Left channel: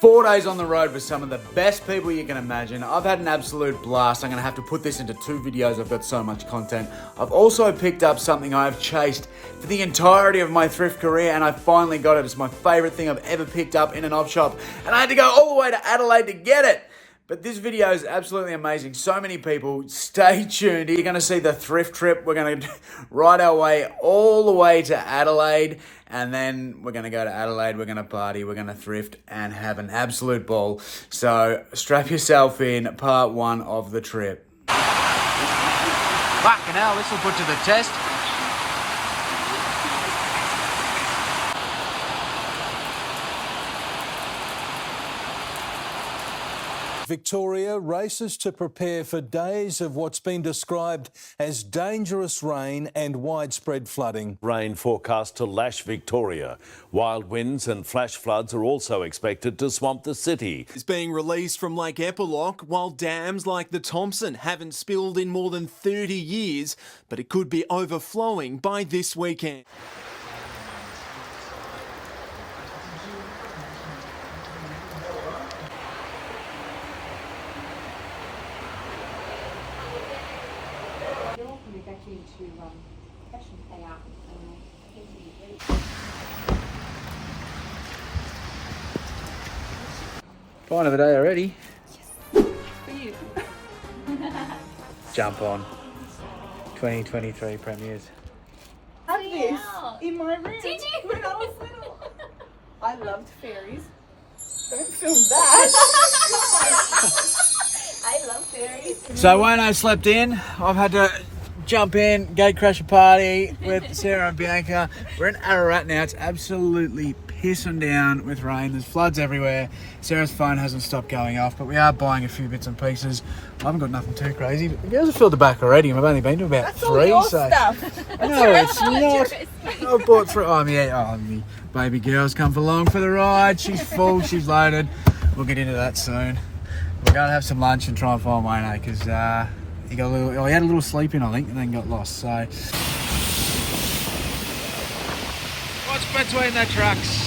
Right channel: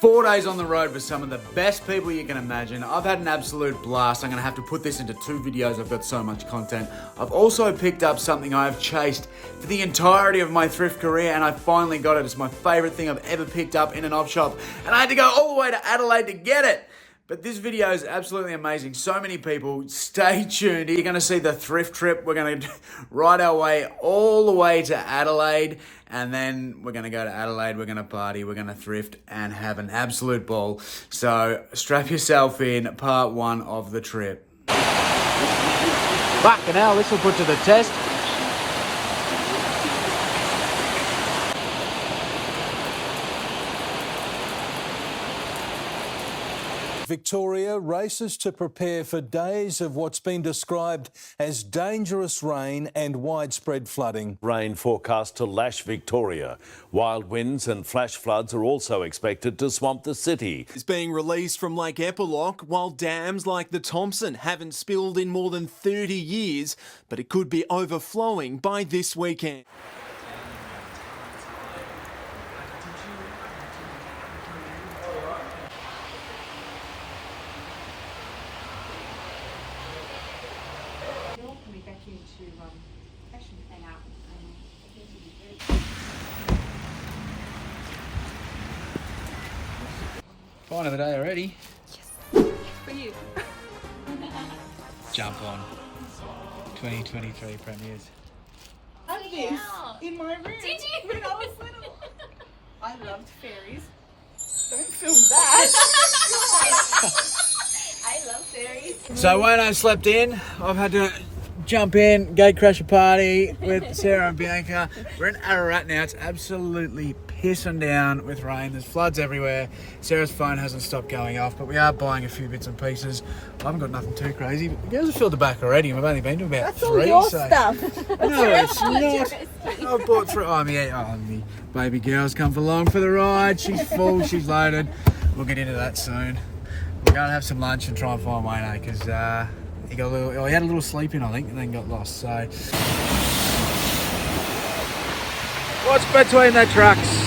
4 days on the road with some of the best people you can imagine. I've had an absolute blast. I'm going to have to put this into 2 videos. I've got so much content. I've also picked up something I've chased for the entirety of my thrift career, and I finally got it. It's my favourite thing I've ever picked up in an op shop, and I had to go all the way to Adelaide to get it. But this video is absolutely amazing. So many people. Stay tuned. You're going to see the thrift trip. We're going to ride our way all the way to Adelaide. And then we're going to go to Adelaide, we're going to party, we're going to thrift and have an absolute ball. So strap yourself in, part 1 of the trip. Fucking hell, this will put to the test. Victoria races to prepare for days of what's been described as dangerous rain and widespread flooding. Rain forecast to lash Victoria. Wild winds and flash floods are also expected to swamp the city. It's being released from Lake Epilogue, while dams like the Thompson haven't spilled in more than 30 years, but it could be overflowing by this weekend. Fine of the day already. Yes. For you. Jump on. 2023 premieres. Had this in my room. Did you? When I was little. I loved fairies. Don't film that. I love fairies. So Wayno slept in. I've had to jump in, gate crash a party with Sarah and Bianca. We're in Ararat now. It's absolutely pissing down with rain. There's floods everywhere. Sarah's phone hasn't stopped going off, but we are buying a few bits and pieces. I haven't got nothing too crazy, but the girls have filled the back already, and we've only been to about That's 3. all your so stuff. no, it's not. I've bought 3. Oh, yeah. Oh, baby girl's come along for the ride. She's full. She's loaded. We'll get into that soon. We're going to have some lunch and try and find Wayno because he had a little sleep in, I think, and then got lost. So what's between the trucks?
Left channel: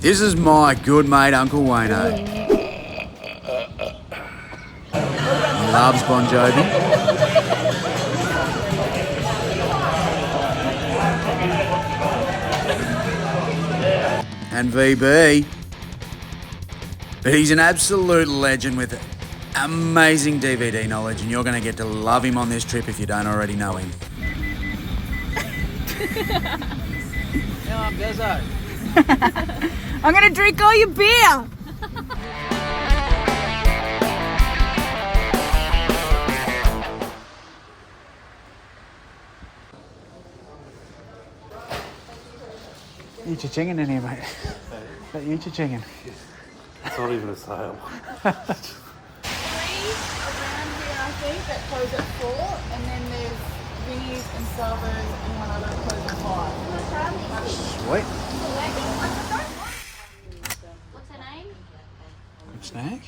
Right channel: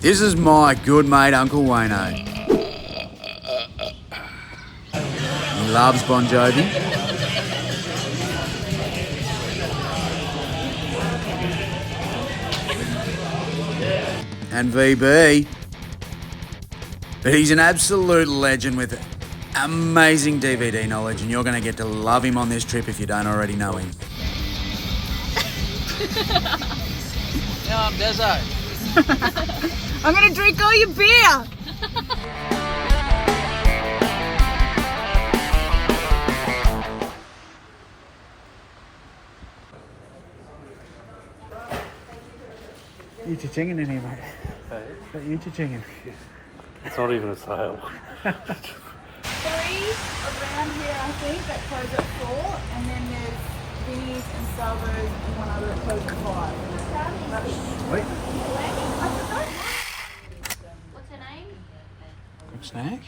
This is my good mate, Uncle Wayno. He loves Bon Jovi. And VB. But he's an absolute legend with amazing DVD knowledge, and you're going to get to love him on this trip if you don't already know him. Now I'm Deso. I'm going to drink all your beer. Eat your chicken in here, mate. Hey? Eat your chicken. It's not even a sale. 3 around here, I think, that close at 4, and then there's Vinnie's and Salvo's and one other that close at 5. Sweet. What's your name? Good snack.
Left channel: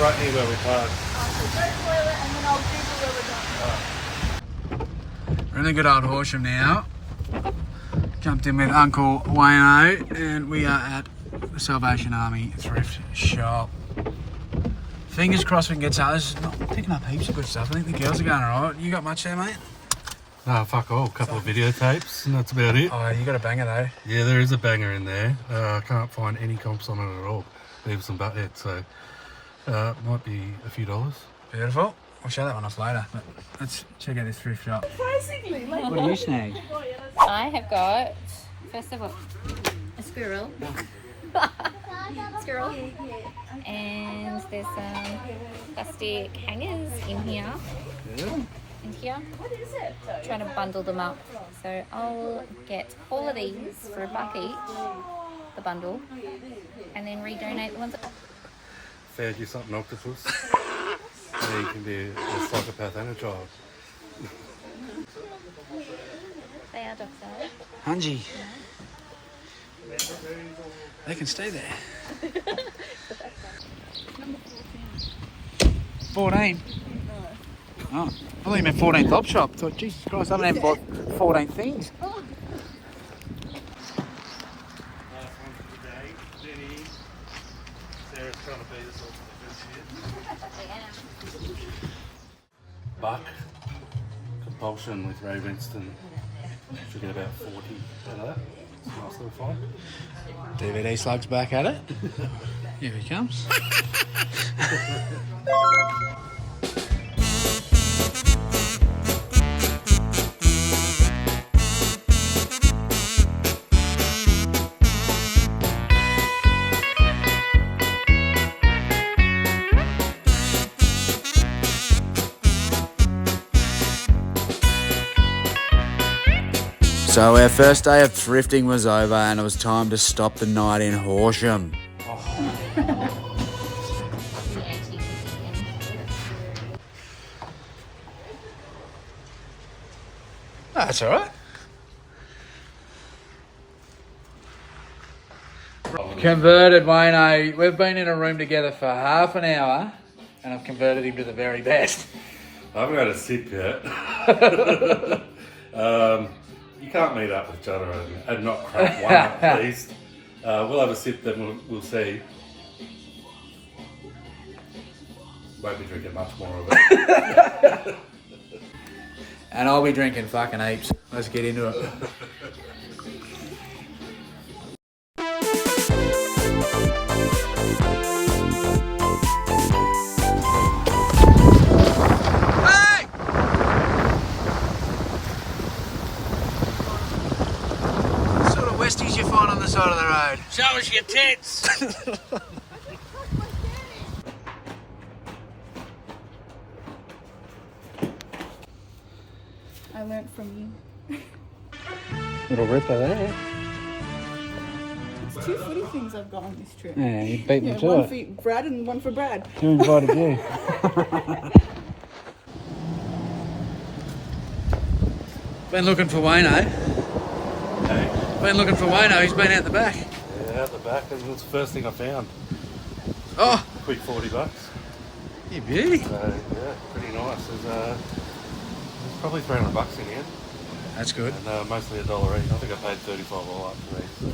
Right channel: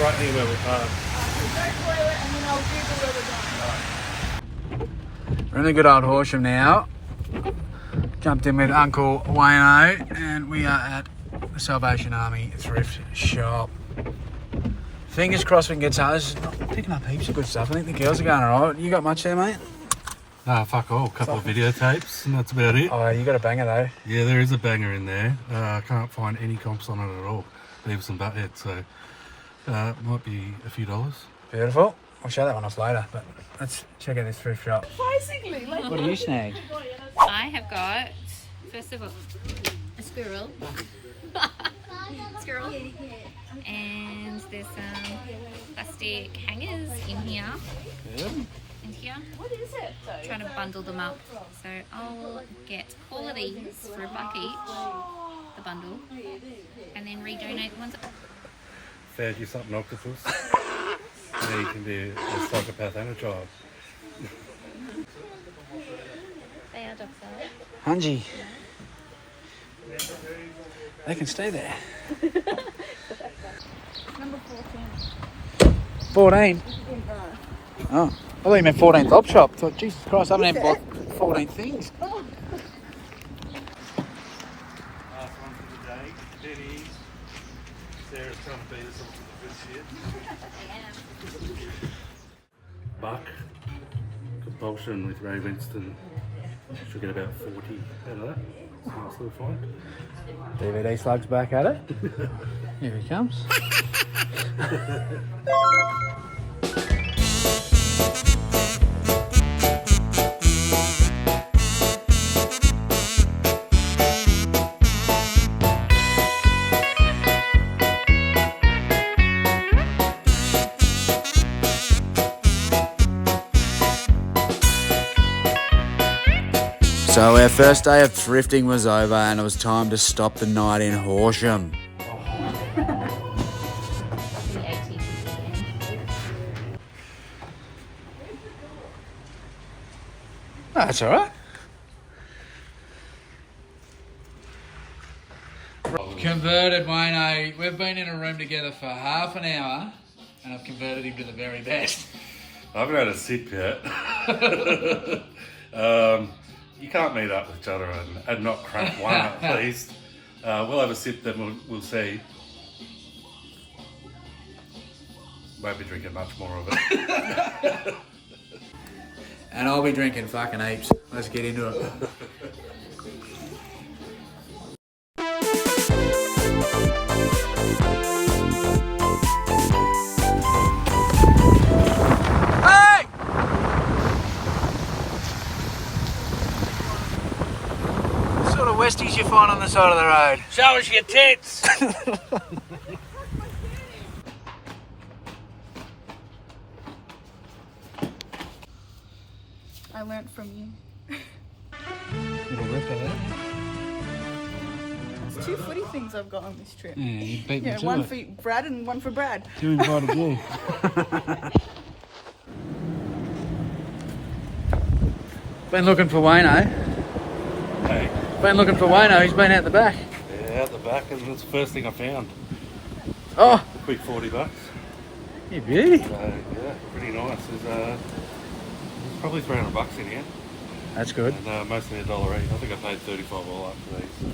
Right here where we park. So go toilet and then I'll Google where we're going. We're in a good old Horsham now. Jumped in with Uncle Wayno, and we are at the Salvation Army thrift shop. Fingers crossed we can get some. This is not picking up heaps of good stuff. I think the girls are going alright. You got much there, mate? Fuck all. A couple of videotapes, and that's about it. Oh, you got a banger though. Yeah, there is a banger in there. I can't find any comps on it at all. Beavis and Butthead, so might be a few dollars. Beautiful. I'll show that one off later, but let's check out this thrift shop. Basically, like What do you snag? I have got, first of all, a squirrel. Squirrel. And there's some plastic hangers in here. In here. what is it though? Trying to bundle them up. So I'll get all of these for $1 each, the bundle, and then redonate the ones that... Found you something, octopus. Yeah, you can be a psychopath and a child. They are docile. Hanji. They can stay there. Number 14. 14? Oh, I thought you meant 14th op shop. I thought, Jesus Christ, I haven't even bought 14 things. Buck, compulsion with Ray Winston. Should get about 40 out of that. It's a nice little find. DVD slugs back at it. Here he comes. So our first day of thrifting was over and it was time to stop the night in Horsham. That's all right. Converted Wayno. We've been in a room together for half an hour and I've converted him to the very best. I haven't had a sip yet. You can't meet up with each other and not crack one up, please. We'll have a sip, then we'll see. Won't be drinking much more of it. And I'll be drinking fucking heaps. Let's get into it. Westies you find on the side of the road. Show us your tits! I learnt from you. Little ripper there. It's 2 footy things I've got on this trip. Yeah, you beat me Yeah, to one it. for Brad and one for Brad. Who invited you? Been looking for Wayno. Hey. Been looking for Wayno. He's been out the back. Yeah, out the back. It was the first thing I found. Oh, Quick $40. you beauty. So, yeah, pretty nice. There's probably $300 in here. That's good. And mostly $1 each. I think I paid $35 all up for these. So,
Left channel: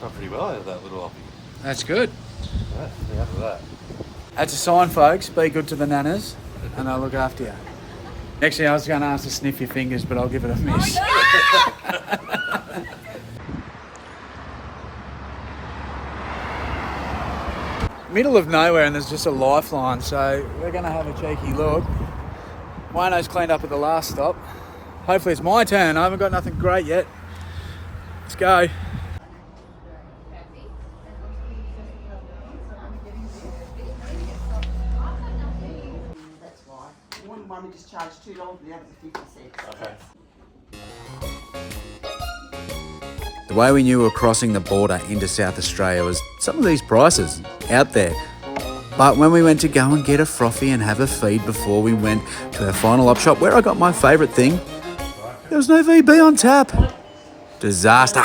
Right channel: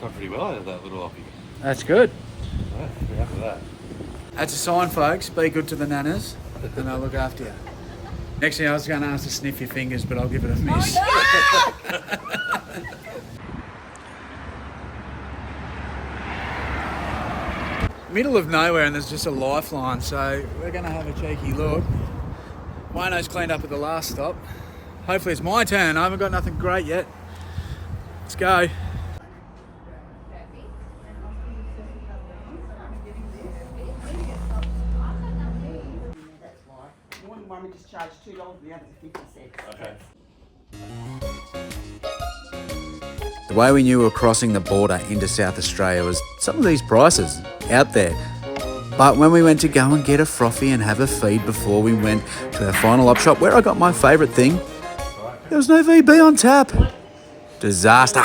done pretty well out of that little offie. That's good. Yeah, pretty happy with that. That's a sign, folks. Be good to the nanas, and they'll look after her. Actually, I was going to ask to sniff your fingers, but I'll give it a miss. Middle of nowhere, and there's just a lifeline, so we're going to have a cheeky look. Wayno's cleaned up at the last stop. Hopefully it's my turn. I haven't got nothing great yet. Let's go. One we just charged $2 and the other 50 cents. Okay. The way we knew we were crossing the border into South Australia was some of these prices out there. But when we went to go and get a froffie and have a feed before we went to our final op shop, where I got my favourite thing, there was no VB on tap. Disaster.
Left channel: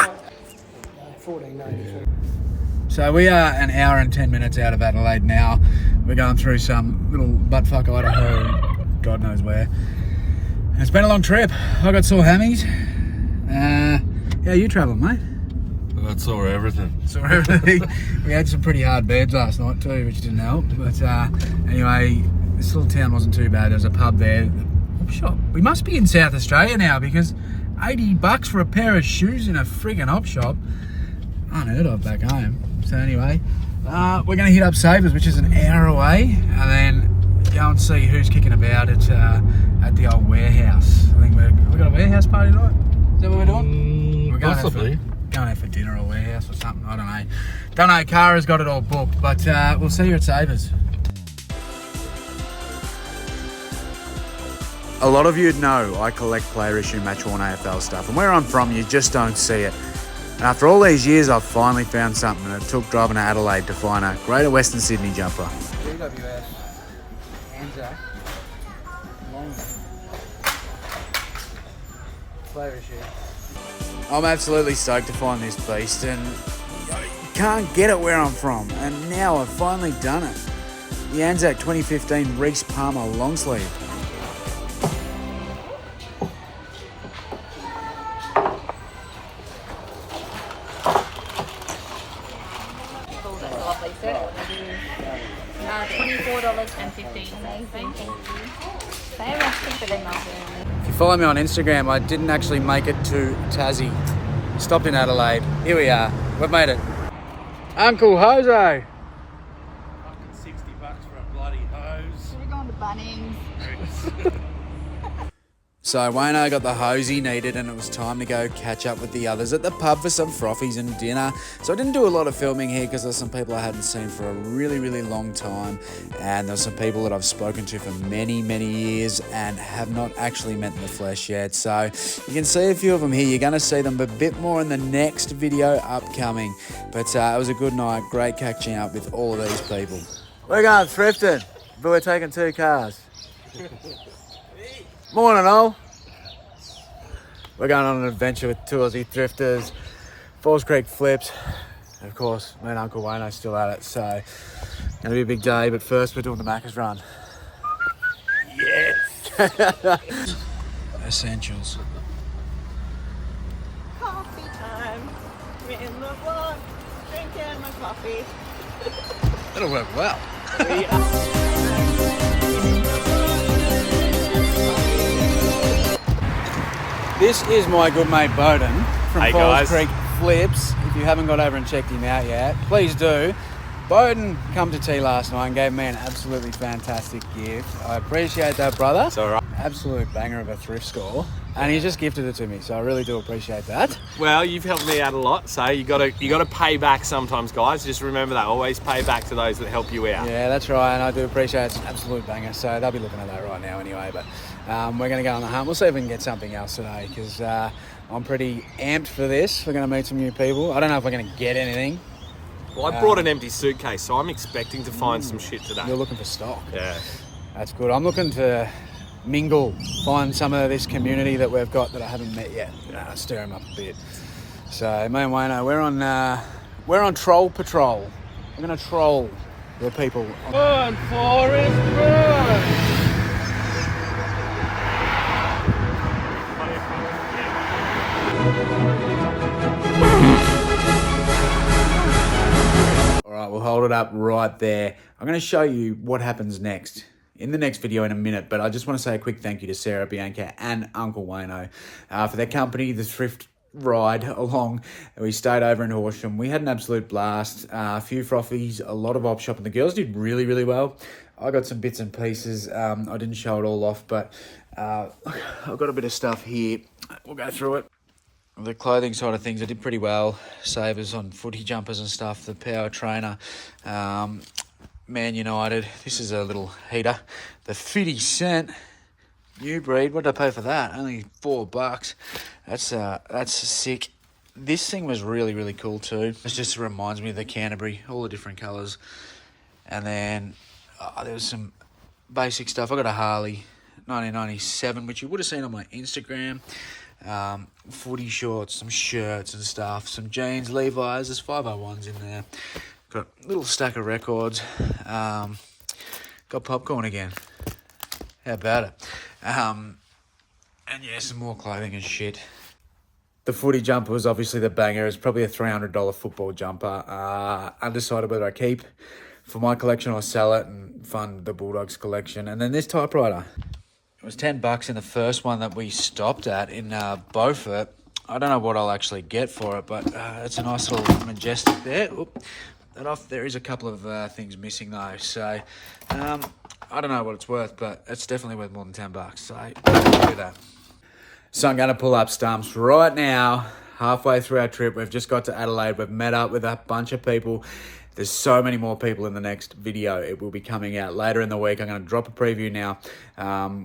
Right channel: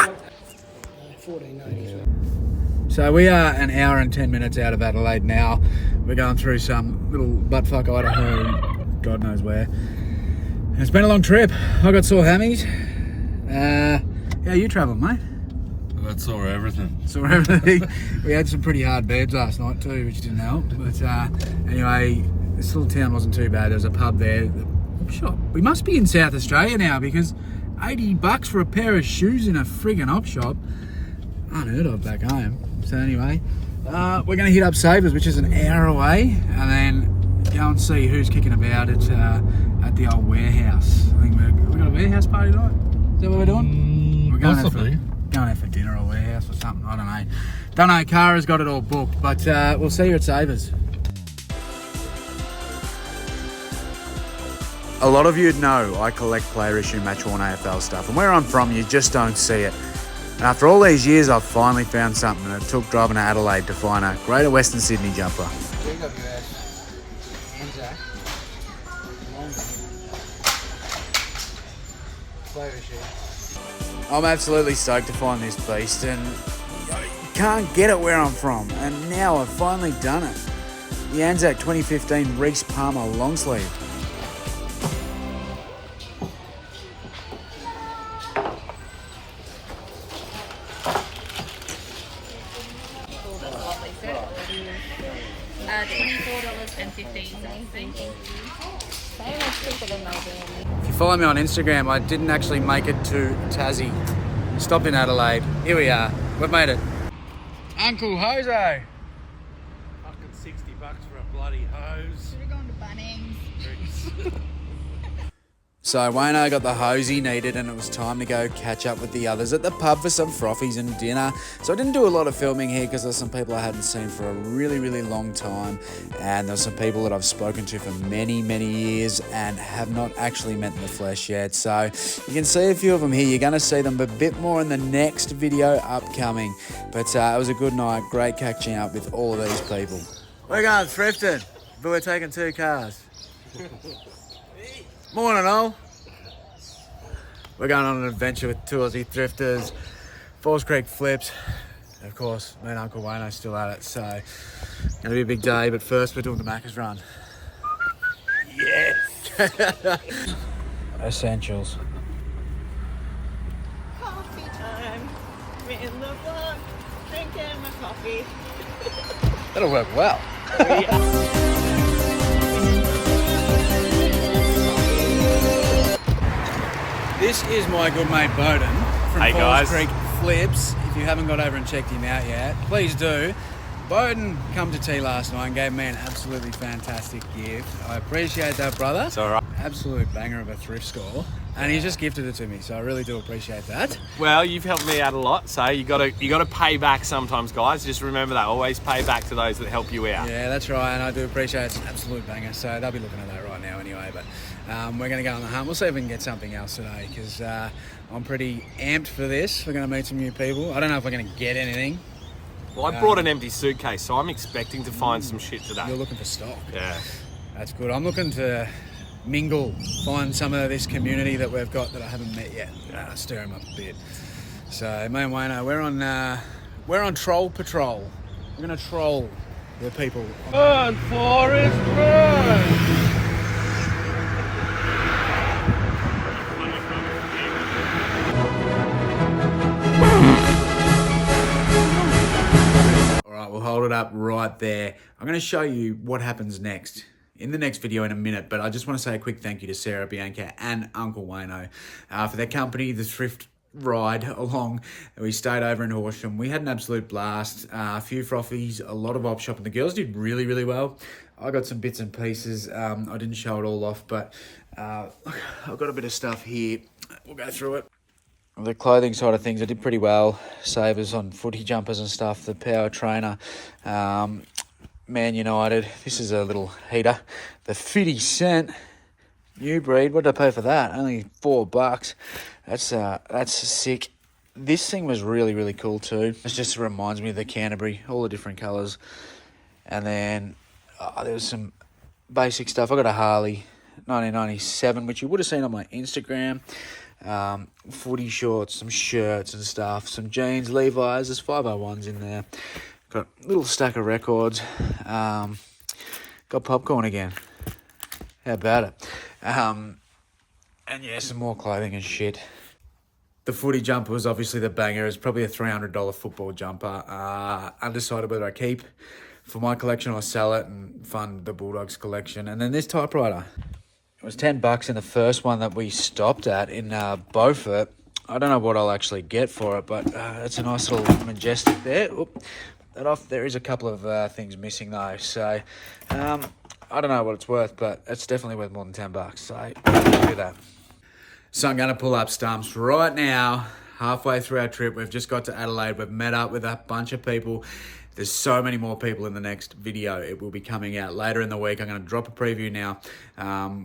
So we are an hour and 10 minutes out of Adelaide now. We're going through some little buttfuck Idaho, God knows where. And it's been a long trip. I got sore hammies. How you travelling, mate? That saw everything. Saw everything. We had some pretty hard beds last night too, which didn't help. But anyway, this little town wasn't too bad. There's a pub there. The shop. We must be in South Australia now because $80 for a pair of shoes in a friggin' op shop. Unheard of back home. So anyway, we're going to hit up Savers, which is an hour away, and then go and see who's kicking about at the old warehouse. I think we got a warehouse party tonight. Is that what we're doing? We're going Possibly. Going out for dinner or warehouse or something. I don't know. Don't know. Kara's got it all booked, but we'll see you at Savers. A lot of you'd know I collect player issue match-worn AFL stuff, and where I'm from, you just don't see it. And after all these years, I've finally found something, and it took driving to Adelaide to find a Greater Western Sydney jumper. Anzac. I'm absolutely stoked to find this beast, and can't get it where I'm from, and now I've finally done it. The Anzac 2015 Reese Palmer long sleeve. That's a lovely set. $24.15. Thank you. So much cheaper than Melbourne. If you follow me on Instagram, I didn't actually make it to Tassie. Stopped in Adelaide. Here we are. We've made it. Uncle Jose. Fucking $60 for a bloody hose. Should have gone to Bunnings. So Wayno got the hose he needed, and it was time to go catch up with the others at the pub for some froffies and dinner. So I didn't do a lot of filming here because there's some people I hadn't seen for a really, really long time, and there's some people that I've spoken to for many, many years and have not actually met in the flesh yet. So you can see a few of them here. You're going to see them a bit more in the next video upcoming. But it was a good night. Great catching up with all of these people. We're going thrifting, but we're taking 2 cars. Morning all. We're going on an adventure with 2 Aussie thrifters, Falls Creek flips. Of course, me and Uncle Wayno's still at it, so gonna be a big day, but first we're doing the Macca's run. Yes! Essentials. Coffee time. We're in the vlog, drinking my coffee. That'll work well. This is my good mate Bowden from Hey, Falls guys. Creek Flips. If you haven't got over and checked him out yet, please do. Bowden come to tea last night and gave me an absolutely fantastic gift. I appreciate that, brother. It's all right. Absolute banger of a thrift score. And he just gifted it to me, so I really do appreciate that. Well, you've helped me out a lot, so you gotta pay back sometimes, guys. Just remember that. Always pay back to those that help you out. Yeah, that's right, and I do appreciate it. It's an absolute banger, so they'll be looking at that right now anyway. But we're going to go on the hunt. We'll see if we can get something else today, because I'm pretty amped for this. We're going to meet some new people. I don't know if we're going to get anything. Well, I brought an empty suitcase, so I'm expecting to find some shit today. You're looking for stock. Yeah. That's good. I'm looking to mingle, find some of this community that we've got that I haven't met yet. Stir them up a bit. So me and Wayno, we're on troll patrol. We're going to troll the people. Burn, Forest, burn! All right, we'll hold it up right there. I'm going to show you what happens next in the next video in a minute, but I just want to say a quick thank you to Sarah, Bianca, and Uncle Wayno for their company, the thrift ride along. We stayed over in Horsham. We had an absolute blast. A few froffies, a lot of op shopping. The girls did really, really well. I got some bits and pieces. I didn't show it all off, but I've got a bit of stuff here. We'll go through it. The clothing side of things, I did pretty well. Savers on footy jumpers and stuff. The Power Trainer, Man United. This is a little heater. The 50 cent new breed. What did I pay for that? Only $4. That's sick. This thing was really, really cool too. It just reminds me of the Canterbury, all the different colours. And then there was some basic stuff. I got a Harley 1997, which you would have seen on my Instagram. Footy shorts, some shirts and stuff, some jeans, Levi's, there's 501s in there. Got a little stack of records. Got popcorn again. How about it? And yeah, some more clothing and shit. The footy jumper was obviously the banger. It's probably a $300 football jumper. Undecided whether I keep for my collection or sell it and fund the Bulldogs collection. And then this typewriter. It was $10 in the first one that we stopped at in Beaufort. I don't know what I'll actually get for it, but it's a nice little Majestic there. Oop, that off. There is a couple of things missing though, so I don't know what it's worth, but it's definitely worth more than $10. So do that. So I'm going to pull up stumps right now. Halfway through our trip, we've just got to Adelaide. We've met up with a bunch of people. there's so many more people in the next video. It will be coming out later in the week. I'm going to drop a preview now.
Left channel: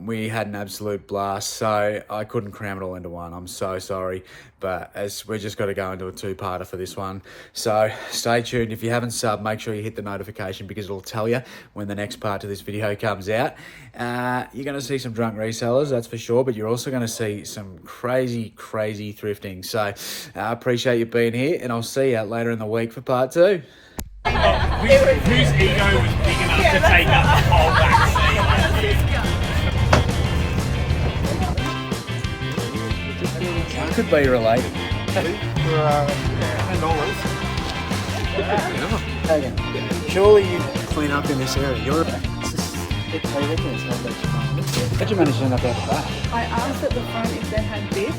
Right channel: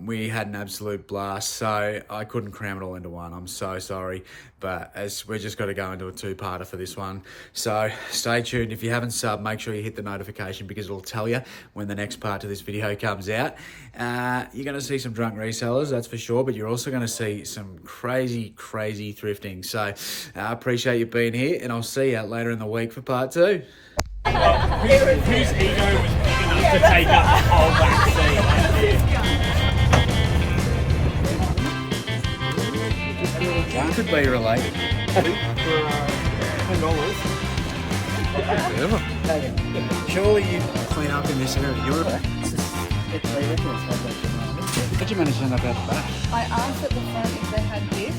We had an absolute blast, so I couldn't cram it all into one. I'm so sorry, but as we're just got to go into a two-parter for this one. So stay tuned. If you haven't subbed, make sure you hit the notification because it'll tell you when the next part to this video comes out. You're going to see some drunk resellers, that's for sure, but you're also going to see some crazy thrifting. So I appreciate you being here, and I'll see you later in the week for part 2. Whose ego was big enough to take up the whole back seat? Could be related. Surely you clean up in this area. You're How'd you manage to end up out the back? I asked at the front if they had this.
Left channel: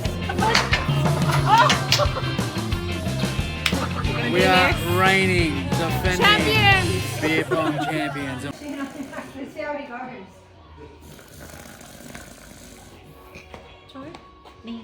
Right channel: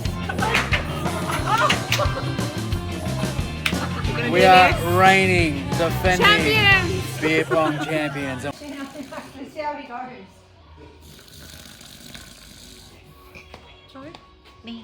We are reigning, defending Champions! beer pong champions. Let's see how it goes. Sorry? Man.